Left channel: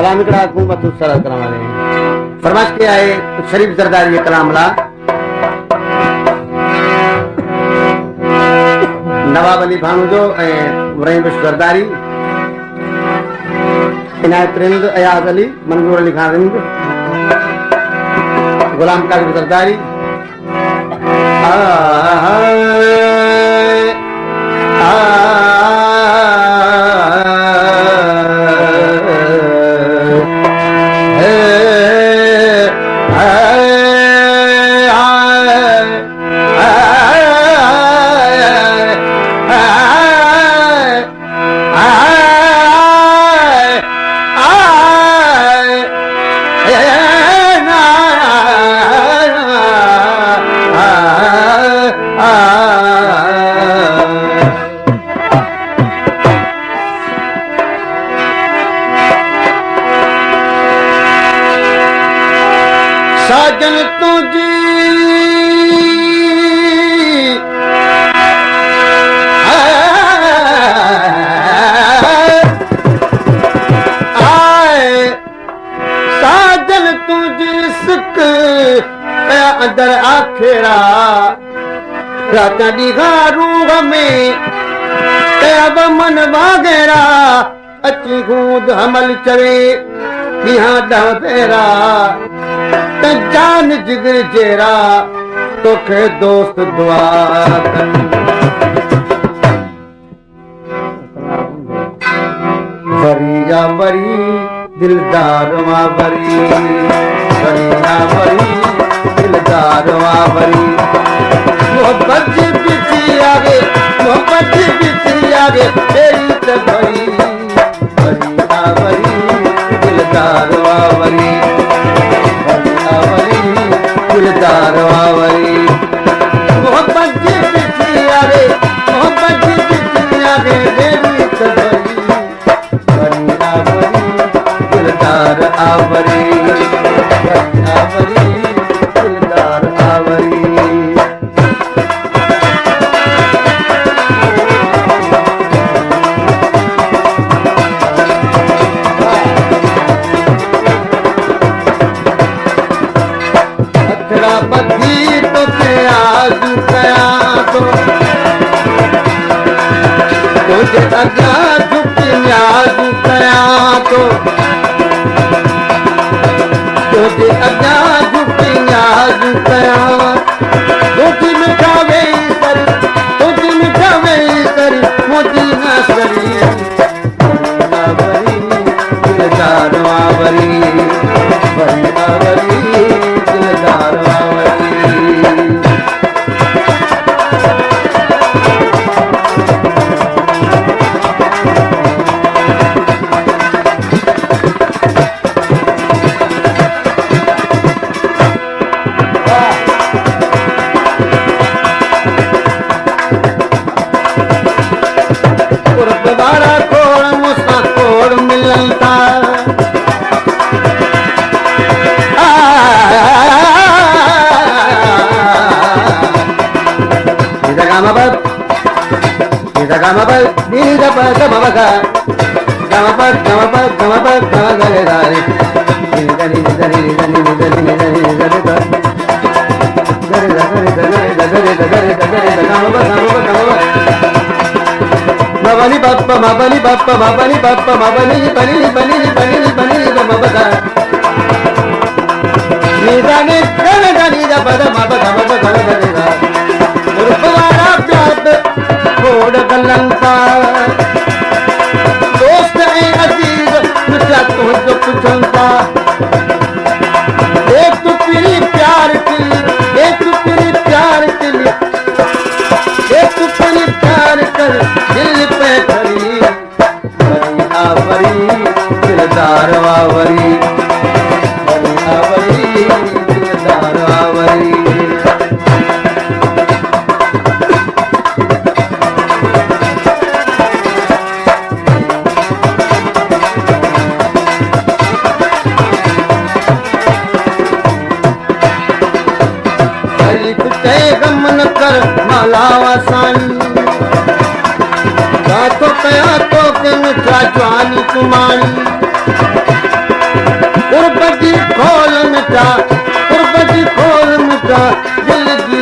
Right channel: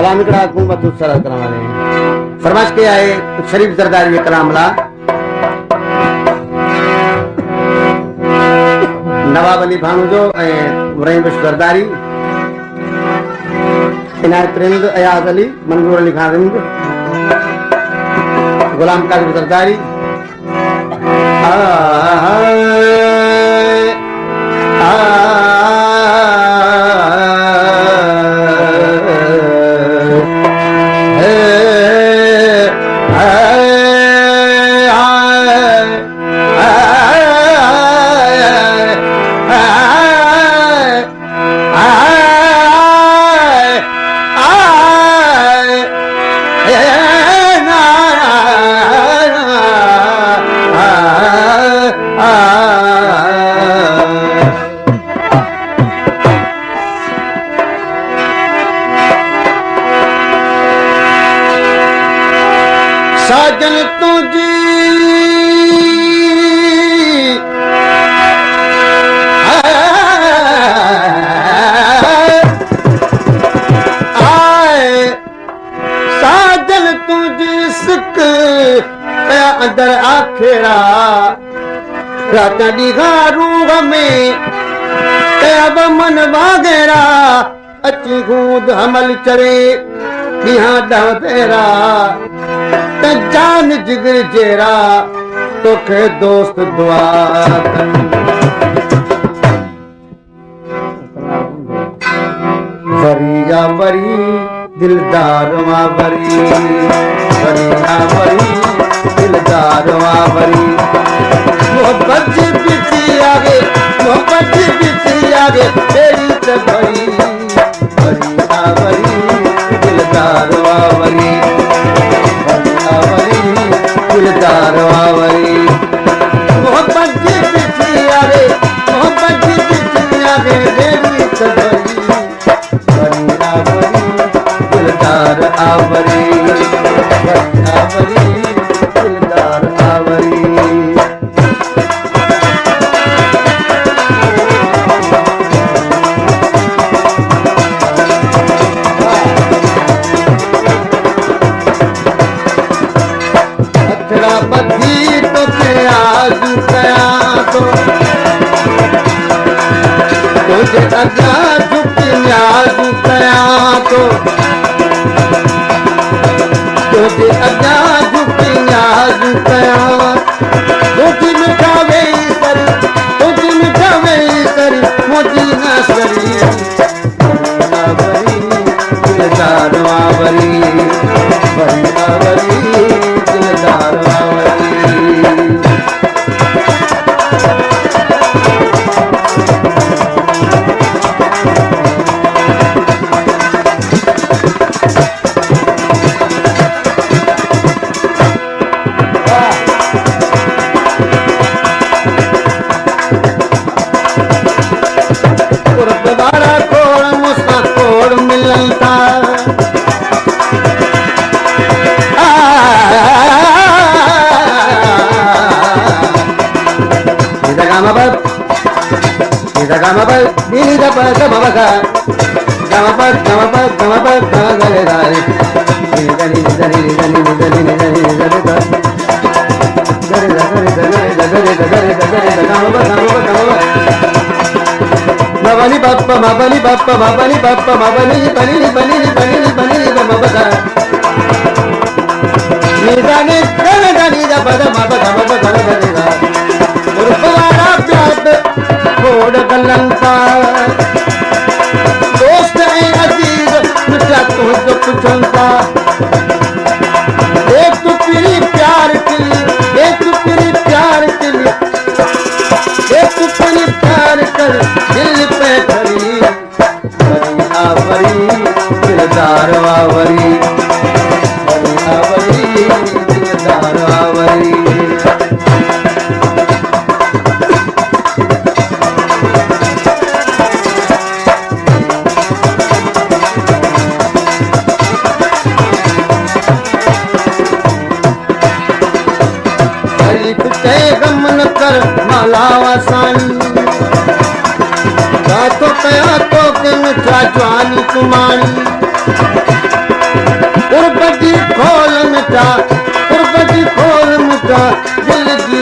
कलाम कड़ा को मत सर करावे फरमाइश के आए शरीफ जरदारी ये कलाम ला नवाब अली भानु जो इब्राहिम बुश जरदारी इनायत रिंग अयाज अली मंजूर अली खान रिंग गुलाम कादिर जरदारी साजन तुझी साजन तुझी सुख अंदर आखिरा रात ॾींहं रूह में मन वागेरा अची गूंद हमल चढ़े ॾींहं ॾह भेरा जान जिगर जेरा तोखे दोस्त दुआ वरिया वरी दिलदार वा वरी वरिया वरी दिलदार वा वरी मोहब्बत बिखरी आगे मोहब्बत बिखरी आगे तेरी तो भरी वरिया वरी दिलदार वा वरी दिलदार आवरी मोहब्बत की बिखरी आगे मोहब्बत की बिखरी आगे देवी सबरी आवरी दिलदार आवरी आवरी दिलदार आवरी तुझे अगा झुक न्याज कया तो तुझे अगा झुक न्याज कया तुझे मिठावे कर मुझी न सरी आवरी दिलदार आवरी आवरी दिलदार आवरी Mabani bappa mabani bappa mabani bappa mabani bani bani bani bani babaka nidane dane dani da bada mabaka mabaka mabaka urpara pyat khod balanta dost hai aziz mitra तुझको पूछूंगा एक तो तेरी प्यार की एक तो तेरी प्यार की एक तो तेरी प्यार कर दिल पे खड़ी आवरी दिलदार आवरी आवरी दिलदार आवरी मालावा साई तो कया तो कन जवानी कुमारी जी खोल मुका, कुर्ब जी खोल मुका, दिल जी